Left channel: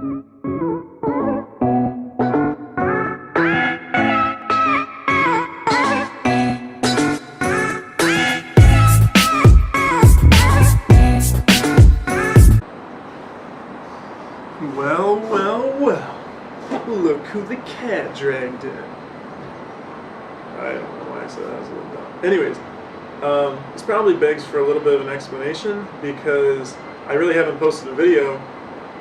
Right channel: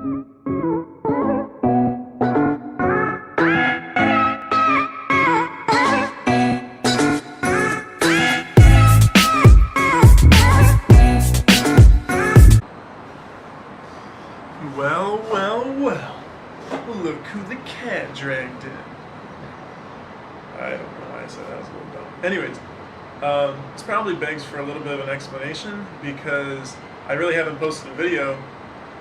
Well, look who the cat dragged in. I don't know why I said that was a little dumb. Anyways, this probably begs for a little bit of an explanation because I really haven't posted a video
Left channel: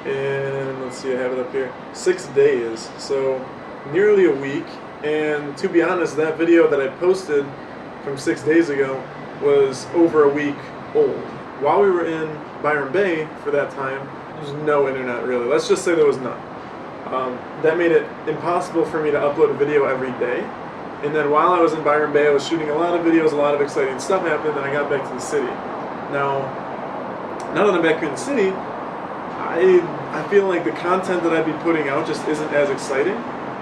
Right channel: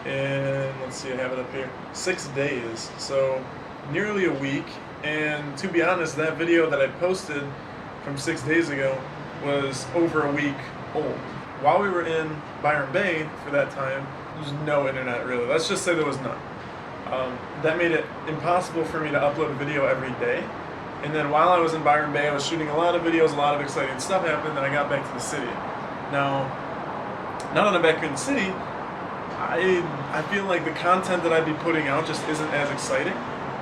in, let's see, I have it up here, 6 days, so nearly a week. And to be honest, that video that I posted from 6 days ago was over a week old. While we were in Byron Bay for that time, there was no internet really. Let's just say there was none. That made it impossible for me to upload a video every day. And then while I was in Byron Bay, I was shooting a lot of videos, a lot of exciting stuff happened, and I got back to the city. Now that I'm back in the city, I feel like the content that I'd be putting out just isn't as exciting.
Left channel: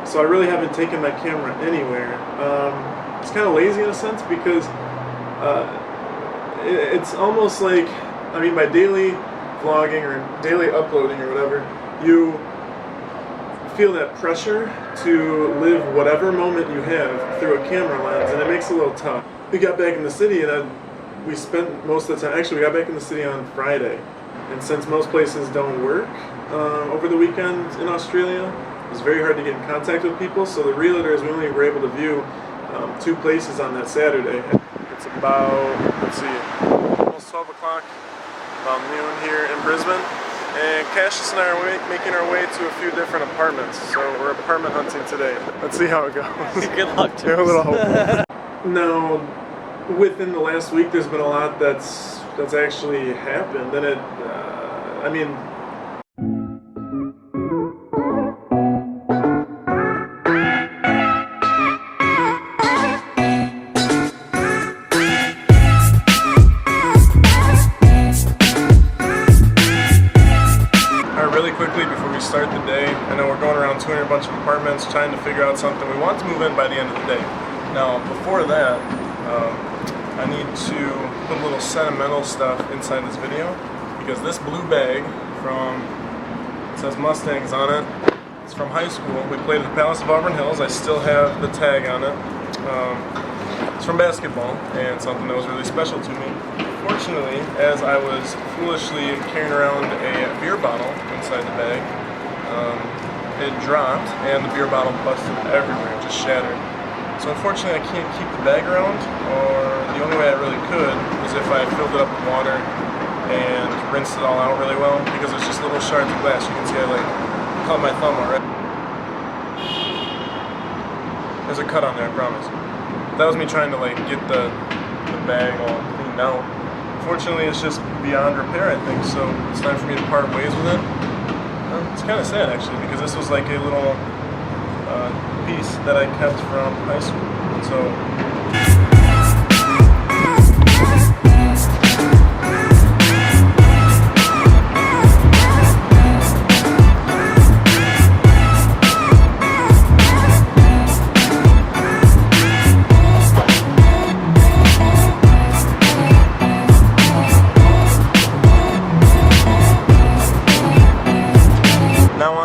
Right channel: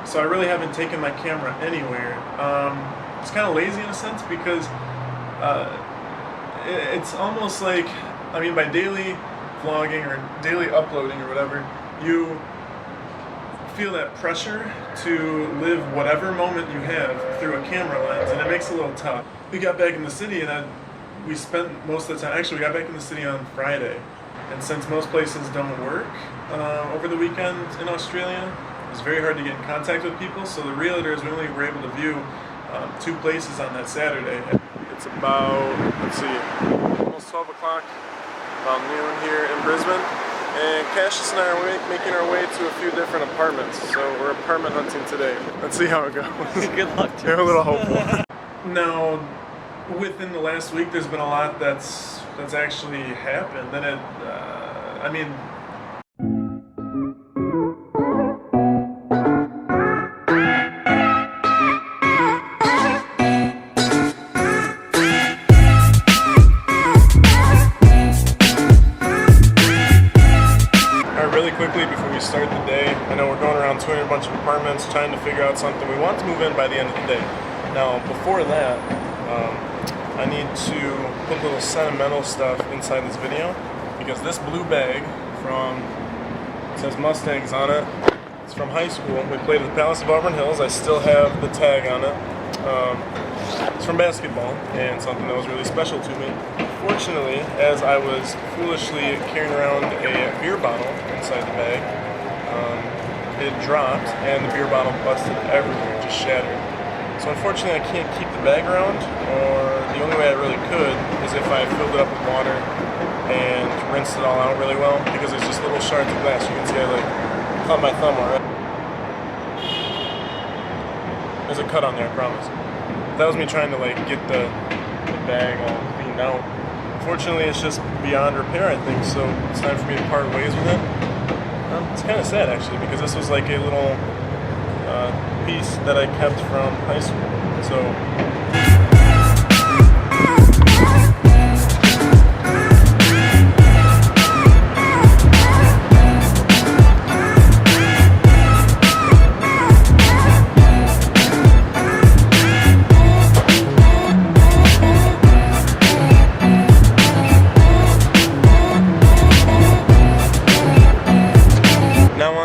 So I really haven't taken my camera anywhere. It's kind of lazy in a sense because it's almost like, I mean, by daily vlogging or daily uploading or whatever, you feel that pressure to live whatever moment you have through a camera lens, and it makes it a little tough. We got back in the city and we spent most of the time, actually we got back in the city on Friday, and since most places don't work over the weekend in Australia, it was very hard to get in contact with people, so the realtors, we only were able to view 2 places on that Saturday. It's about, let's see, almost 12 o'clock, about noon here in Brisbane. And Cassius and I are making our way to a few different apartments, so we're apartment hunting today. Let's see how it goes. Good luck to You're a little hopeful. Now, within the last week, there's been a lot that's actually happened, and it, I mean, really quickly before we start the day, I know we're going around touring a bunch of apartments trying to figure out something. We want to move in by the end of the day. Now before that, I need to put a little sentimental stuff inside this video because this blue bag it says Mustangs on it. It's from high school. We played at the Palace of Auburn Hills. I still have the tag on it. It's from basketball and something that was really special to me. Fortunately, as I was foolishly carrying around a beer bottle inside the bag, it dropped and the beer bottle busted everywhere, just shattered. So unfortunately I can't keep the bag around, or the only way I really could is if I filled it up with water and rinsed it all out really well, because it's just little shards of glass. You can see I cut my thumb already. There's a cut on there, I promise. That was me trying to get the bag all cleaned out. Unfortunately, it's just beyond repair, I think, so it's time for me to part ways with it. It's kind of sad, actually, because this was like a little piece that I kept from high school. So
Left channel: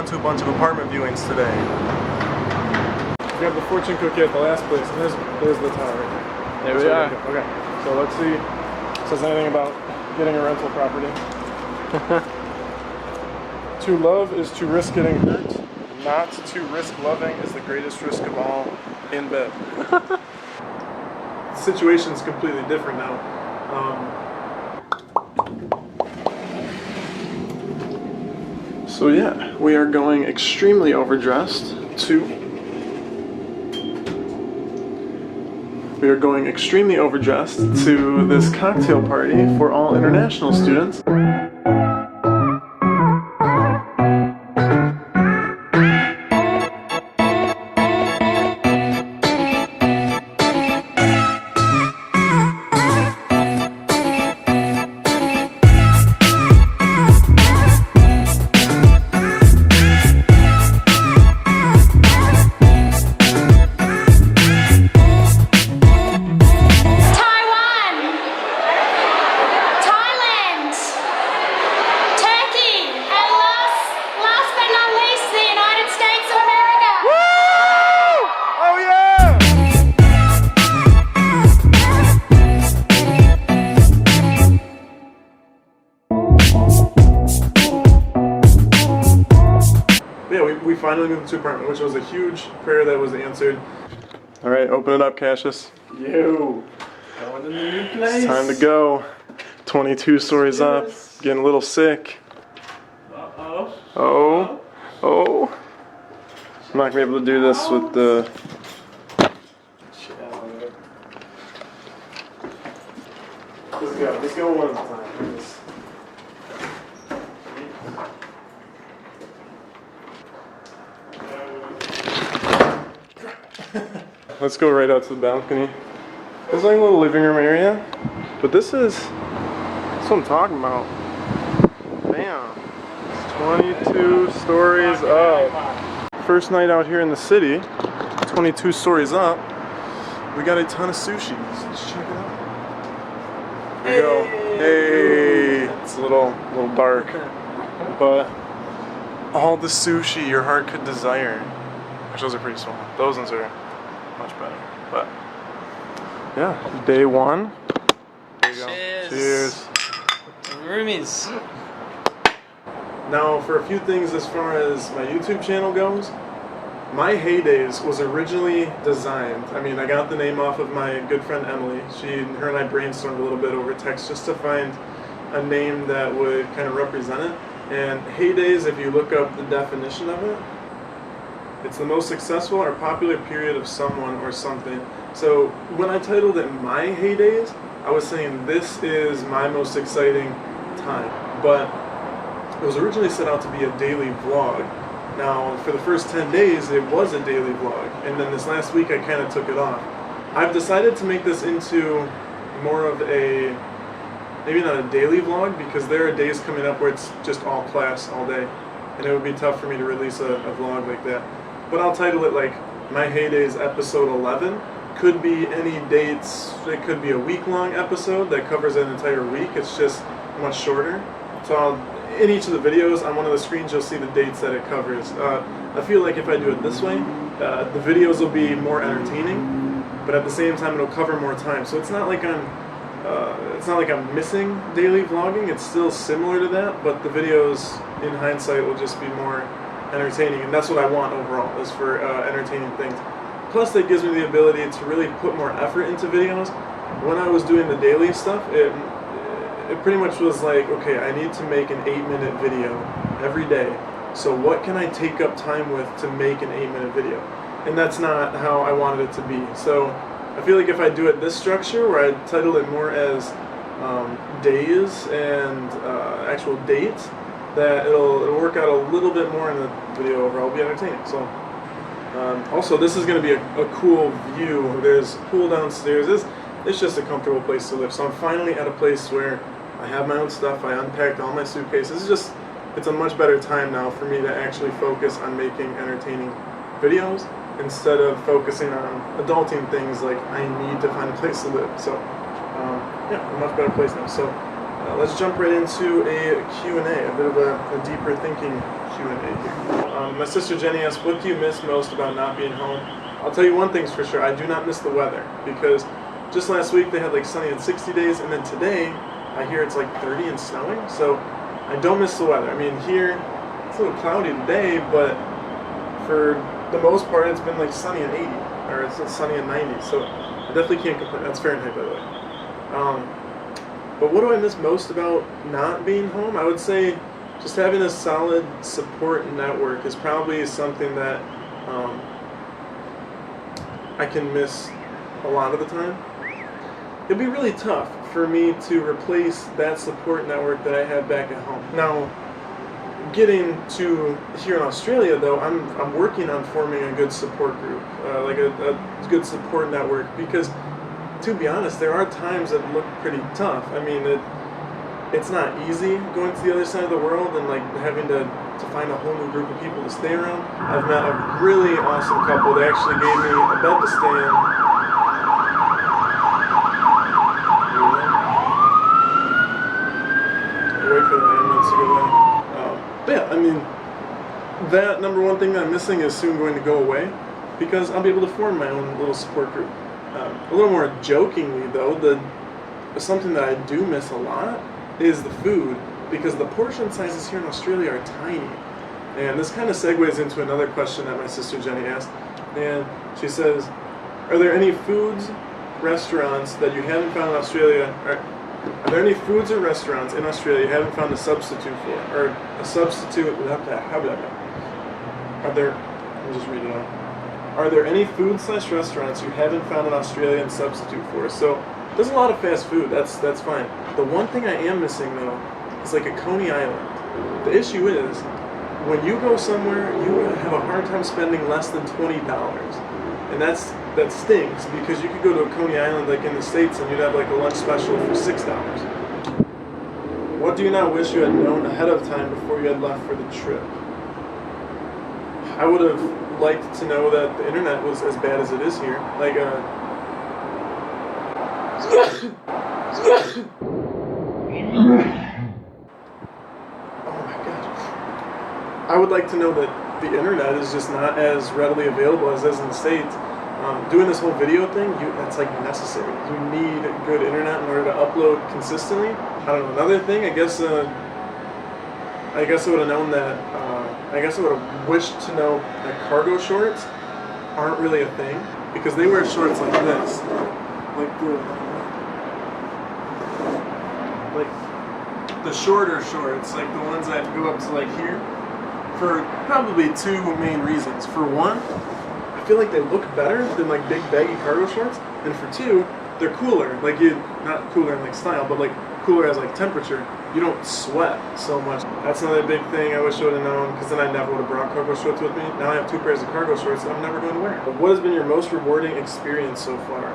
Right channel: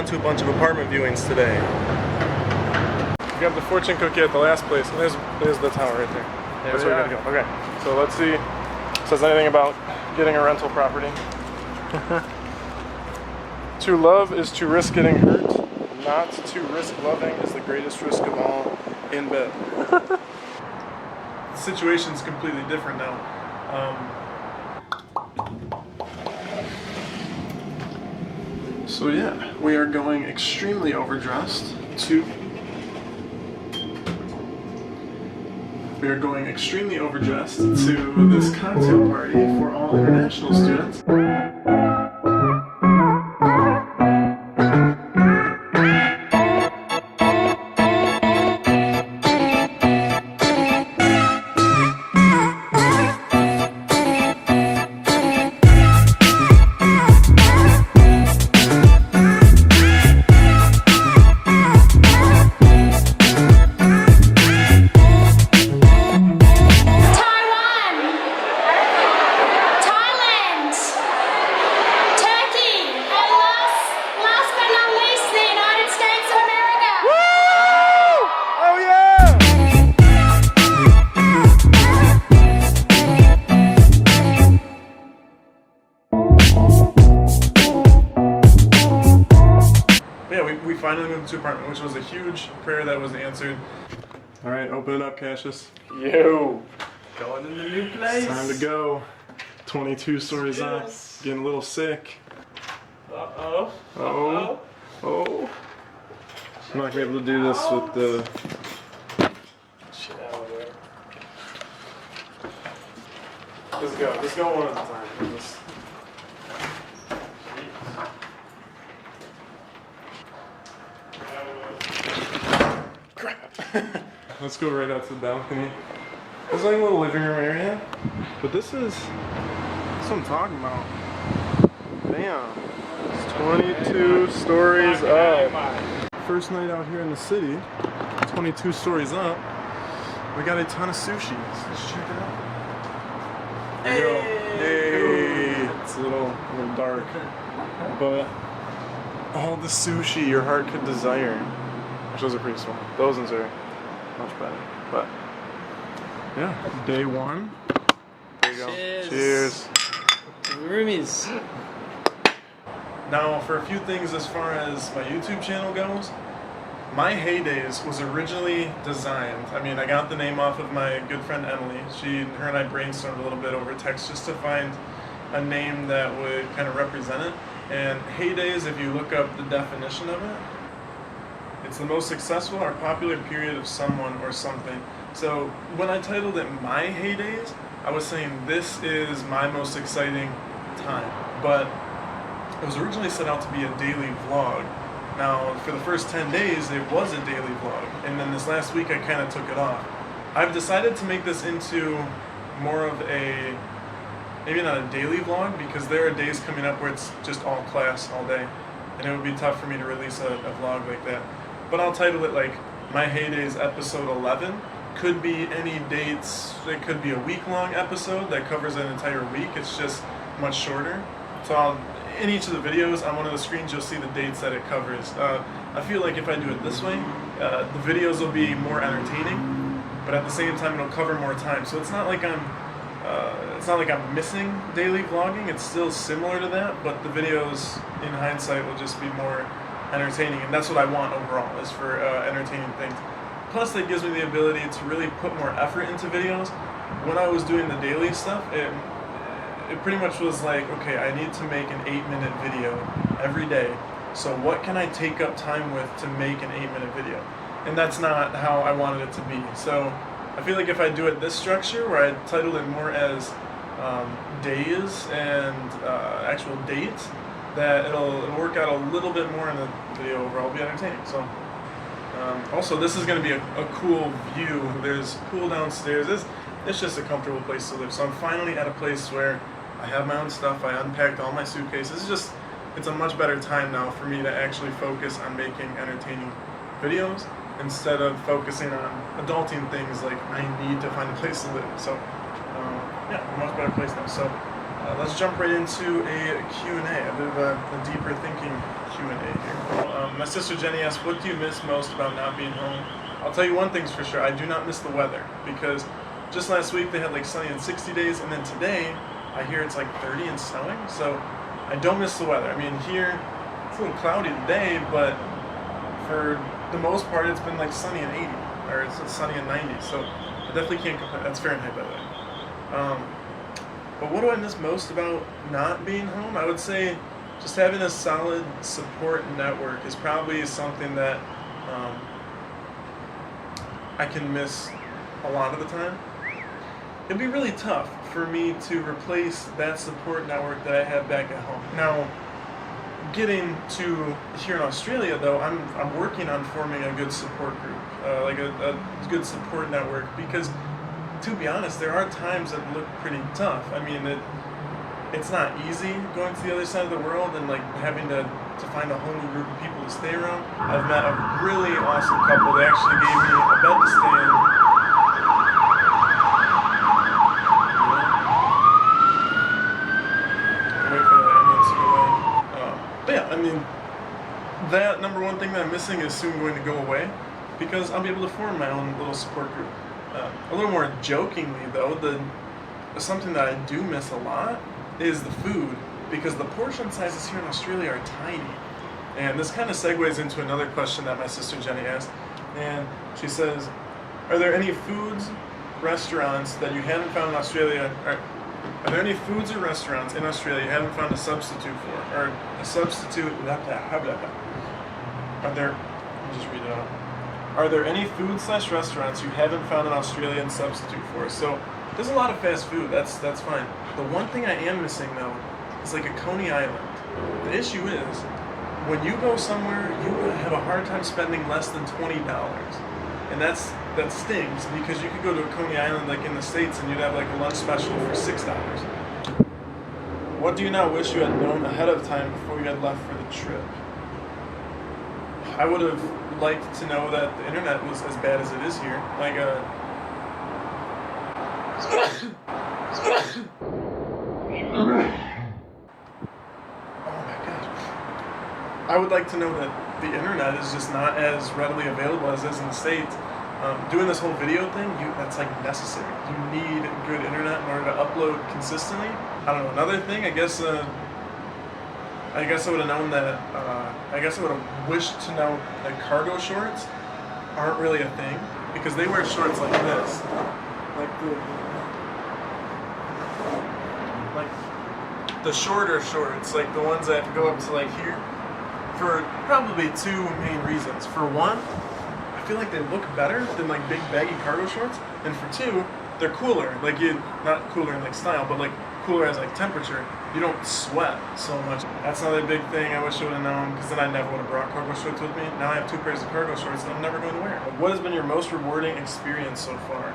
to a bunch of apartment viewings today. We have the fortune cookie at the last place, and there's the tower right there. There we are. Okay, so let's see if it says anything about getting a rental property. To love is to risk getting hurt. Not to risk loving is the greatest risk of all in bed. The situation's completely different now. So yeah, we are going extremely overdressed to this cocktail party for all international students. we finally moved to apartment, which was a huge prayer that was answered. All right, open it up, Cassius. Yo, going in the new place. It's time to go. 22 stories up. Getting a little sick. Uh-oh. Oh. Oh. I'm not gonna be able to do this with the... Shit out of there. Let's go one at a time. Let's go right out to the balcony. There's like a little living room area, but that's what I'm talking about. Bam. It's 22 stories up. First night out here in the city, 22 stories up. We got a ton of sushi. Let's check it out. There we go. Hey. It's a little dark, but all the sushi your heart could desire. Which those are pretty small. Those ones are much better. But yeah, day one. There you go. Cheers. Roomies. Now, for a few things as far as my YouTube channel goes, My Heydays was originally designed. I mean, I got the name off of my good friend Emily. Her and I brainstormed a little bit over text just to find a name that would kind of represent it. And Heydays, if you look up the definition of it, it's the most successful or popular period of someone or something. So when I titled it My Heydays, I was saying this is my most exciting time. But it was originally set out to be a daily vlog. Now, for the first 10 days, it was a daily vlog. And then this last week, I kind of took it off. I've decided to make this into more of a, maybe not a daily vlog, because there are days coming up where it's just all class all day. And it would be tough for me to release a vlog like that. But I'll title it like My Heydays episode 11. Could be any dates. It could be a week-long episode that covers an entire week. It's just much shorter. So in each of the videos, on one of the screens, you'll see the dates that it covers. I feel like if I do it this way, the videos will be more entertaining, but at the same time, it'll cover more time. So it's not like I'm missing daily vlogging. It's still similar to that, but the videos, in hindsight, will just be more entertaining, and that's what I want overall, is for entertaining things. Plus, that gives me the ability to really put more effort into videos. When I was doing the daily stuff, it pretty much was like, okay, I need to make an 8-minute video every day. So what can I take up time with to make an 8-minute video? And that's not how I wanted it to be. So I feel like if I do it this structure, where I title it more as days and actual dates, that it'll work out a little bit more in the video overall. It'll be entertaining. So also, this is going to be a cool view. There's a pool downstairs. It's just a comfortable place to live. So I'm finally at a place where I have my own stuff. I unpacked all my suitcases. It's a much better time now for me to actually focus on making entertaining videos instead of focusing on adulting things like I need to find a place to live. So yeah, a much better place now. So let's jump right into a Q&A, a bit of a deeper thinking Q&A here. My sister Jenny asked, what do you miss most about not being home? I'll tell you one thing's for sure, I do not miss the weather, because just last week they had like sunny and 60 days, and then today I hear it's like 30 and snowing, so I don't miss the weather. I mean, here it's a little cloudy today, but for the most part it's been like sunny and 80, or it's sunny and 90, so I definitely can't complain. That's Fahrenheit, by the way. But what do I miss most about not being home? I would say just having a solid support network is probably something that I can miss a lot of the time. It'd be really tough for me to replace that support network that I have back at home. Now, getting to here in Australia, though, I'm working on forming a good support group, like a good support network, because to be honest, there are times that look pretty tough. I mean, it's not easy going to the other side of the world and like having to find a whole new group of people to stay around. I've met a really awesome couple. They actually gave me a bed to stay in. Wait for the ambulance to go away. But yeah, I mean, that number one thing that I'm missing is soon going to go away, because I'll be able to form my own little support group. A little more jokingly, though, something that I do miss a lot is the food, because the portion sizes here in Australia are tiny. And this kind of segues into another question that my sister Jenny asked. And she says, are there any foods, restaurants that you haven't found in Australia? Are there any foods or restaurants in Australia you haven't found a substitute for? Or a substitute, are there, let me just read it out. Are there any food/restaurants you haven't found an Australian substitute for? So there's a lot of fast food, that's fine. The one thing I am missing though is like a Coney Island. The issue is, when you go somewhere, you have a hard time spending less than $20. And that stinks, because you could go to a Coney Island like in the States and you'd have like a lunch special for $6. What do you now wish you had known ahead of time before you had left for the trip? I would have liked to know that the internet was as bad as it is here. Like, oh my god. I would like to know that the internet is just not as readily available as it is in the States. Doing this whole video thing, that's like necessary. You need good internet in order to upload consistently. I don't know, another thing, I guess I would have known that, I guess I would have wished to know that cargo shorts aren't really a thing, because they wear shorts like this. Like the shorter shorts, like the ones that go up to like here, for probably two main reasons. For one, I feel like they look better than like big baggy cargo shorts, and for two, they're cooler. Like not cooler in like style, but like cooler as like temperature. You don't sweat so much. That's another big thing I wish I would have known, because then I never would have brought cargo shorts with me. Now I have 2 pairs of cargo shorts that I'm never going to wear. What has been your most rewarding experience so far?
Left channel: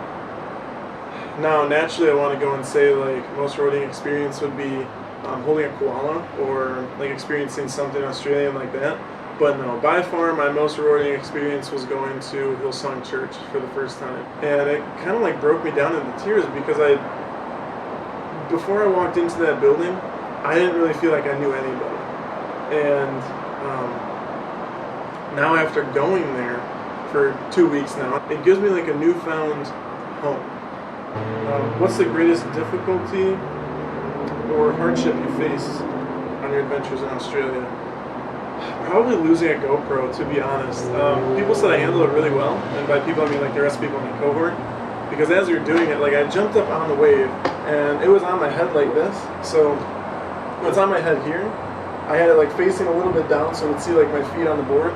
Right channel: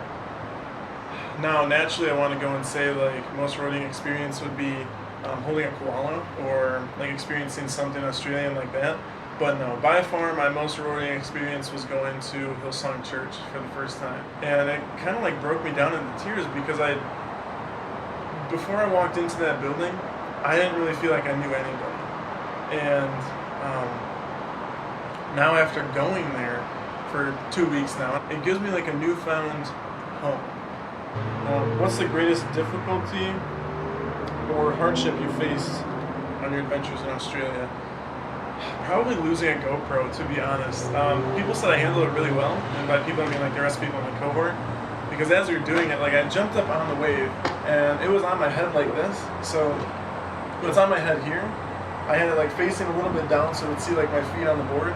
Now, naturally, I want to go and say like most rewarding experience would be holding a koala, or like experiencing something Australian like that. But no, by far my most rewarding experience was going to Hillsong Church for the first time. And it kind of like broke me down into tears, because before I walked into that building, I didn't really feel like I knew anybody. And now after going there for 2 weeks now, it gives me like a newfound home. What's the greatest difficulty or hardship you faced on your adventures in Australia? Probably losing a GoPro, to be honest. People said I handled it really well, and by people I mean like the rest of people in my cohort, because as we were doing it, like I jumped up on the wave, and it was on my head like this, so it's on my head here. I had it like facing a little bit down so it would see like my feet on the board,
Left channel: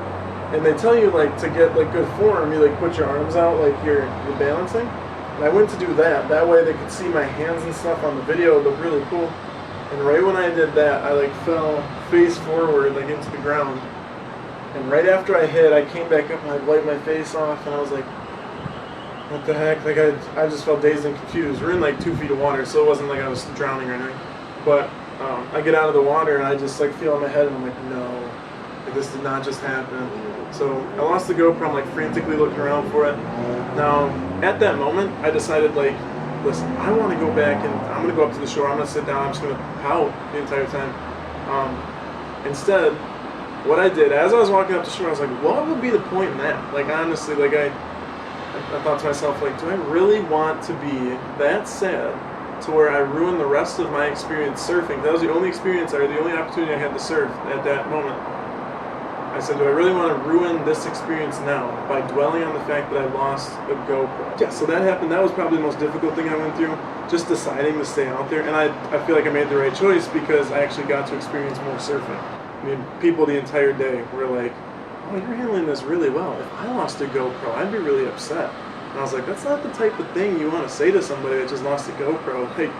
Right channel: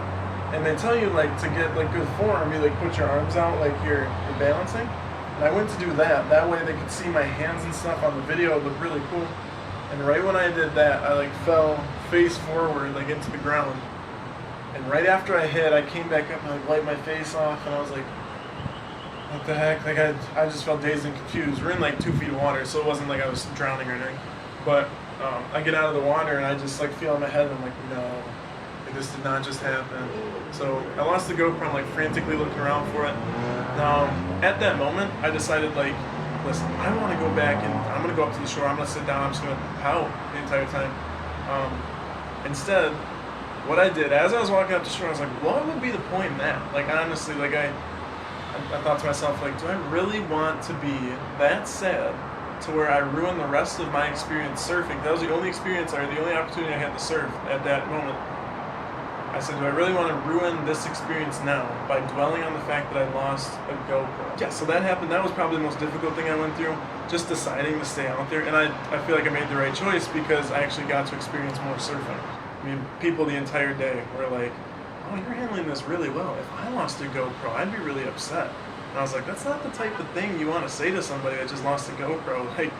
and they tell you like to get like good form, you like put your arms out like you're balancing. And I went to do that way they could see my hands and stuff on the video. It looked really cool. And right when I did that, I like fell face forward like into the ground. And right after I hit, I came back up and I wiped my face off, and I was like, what the heck? Like I just felt dazed and confused. We're in like 2 feet of water, so it wasn't like I was drowning or anything. But I get out of the water and I just like feel on my head, and I'm like, no, like, this did not just happen. So I lost the GoPro. I'm like frantically looking around for it. Now at that moment, I decided like, listen, I want to go back and I'm going to go up to the shore. I'm going to sit down. I'm just going to pout the entire time. Instead, what I did as I was walking up the shore, I was like, what would be the point in that? Like honestly, like I thought to myself, like, do I really want to be that sad to where I ruin the rest of my experience surfing? That was the only experience, or the only opportunity I had to surf at that moment. I said, do I really want to ruin this experience now by dwelling on the fact that I lost a GoPro? Yeah, so that happened. That was probably the most difficult thing I went through, just deciding to stay out there. And I feel like I made the right choice, because I actually got to experience more surfing. I mean, people the entire day were like, oh, you're handling this really well. If I lost a GoPro, I'd be really upset. And I was like, that's not the type of thing you want to say to somebody that just lost a GoPro. Like,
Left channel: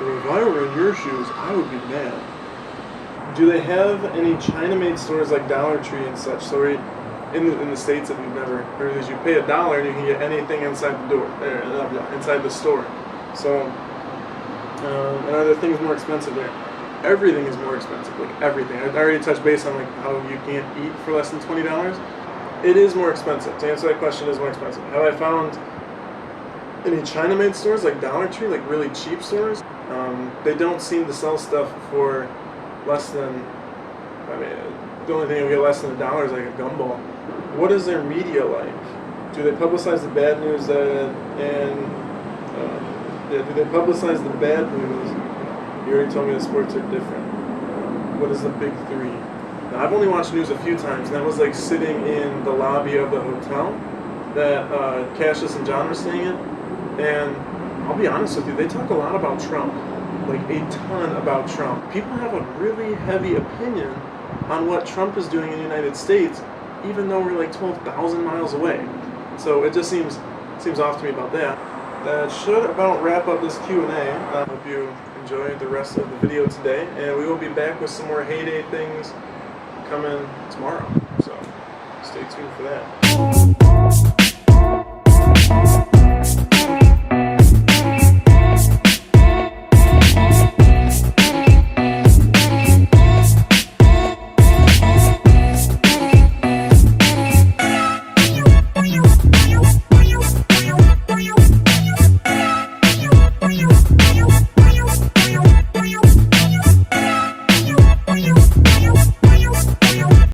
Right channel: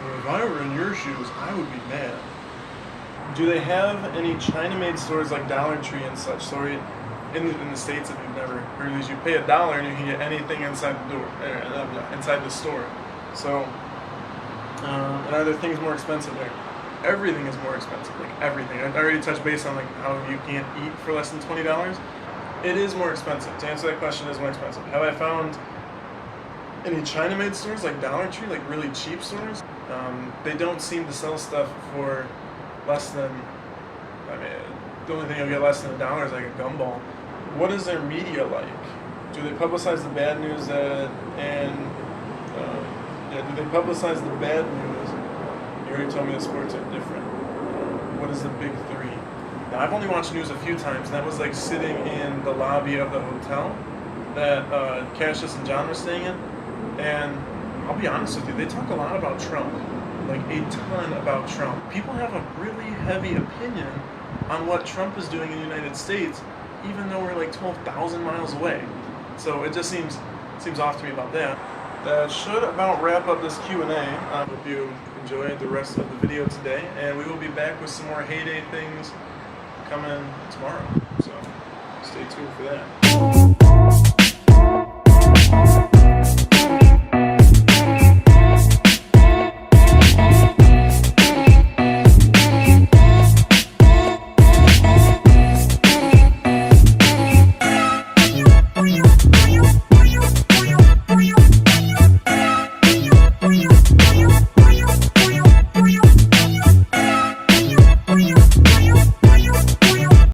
if I were in your shoes, I would be mad. Do they have any China-made stores like Dollar Tree and such? So in the States, if you've never heard of these, you pay $1 and you can get anything inside the door, inside the store. So, and are there things more expensive there? Everything is more expensive, like everything. I already touched base on like how you can't eat for less than $20. It is more expensive. To answer that question, it is more expensive. Have I found any China-made stores like Dollar Tree, like really cheap stores? They don't seem to sell stuff for less than, I mean, the only thing you'll get less than $1 is like a gumball. What is their media like? Do they publicize the bad news do they publicize the bad news? You already told me the sports are different. What is the big three? Now I've only watched news a few times, and that was like sitting in the lobby of the hotel that Cassius and John were staying in. And I'll be honest with you, they talk a lot about Trump, like a ton about Trump. People have a really heavy opinion on what Trump is doing in the United States, even though we're like 12,000 miles away. So it just seems off to me about that. That should about wrap up this Q&A. I hope you enjoyed the rest of the video today, and we will be back with some more heyday things coming tomorrow. So stay tuned for that.